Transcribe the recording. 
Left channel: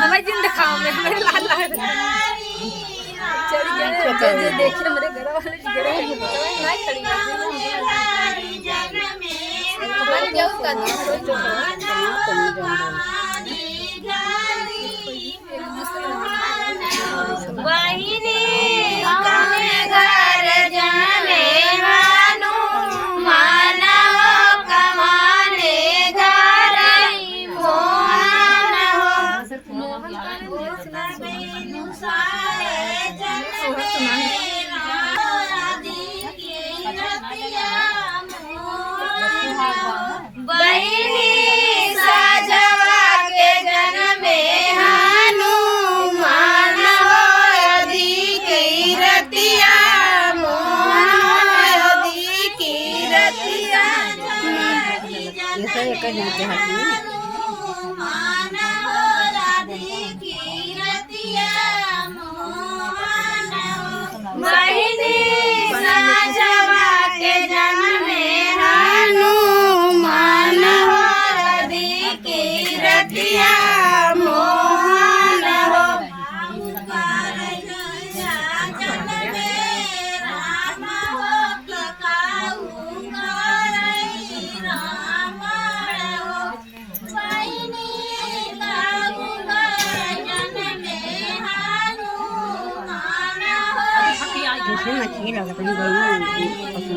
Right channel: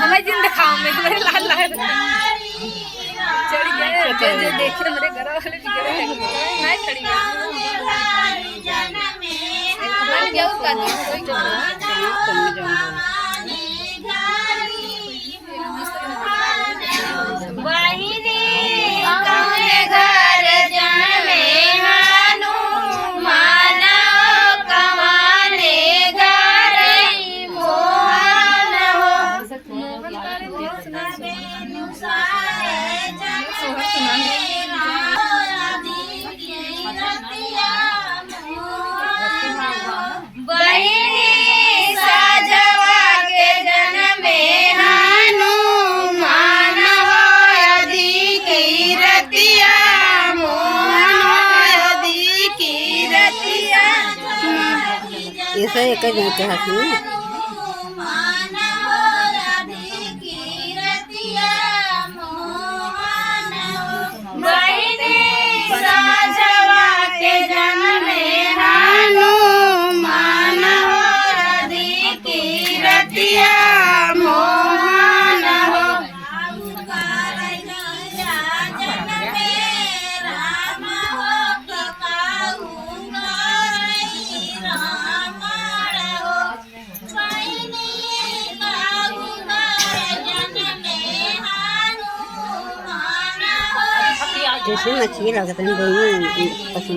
हमें जिन दिखाओ में मेरे लाल लाल चढ़ गए जो देख रहे मेरे घर वाले बिगड़े नहीं खड़ी हमारे क्या उसका दिन कोई जो बहिनी कमे घर जाने हानु माना कमाने घर मोहन बहिनी साजवा के जन्मे हानु मान हो अधिकी रतिया मोहन हो अधिकी रतिया ये सब एक ही जाते हैं बहिनी साजवा के जन्मे हानु मान हो अधिकी रतिया मोहन हो जैसे मछली लगता है दही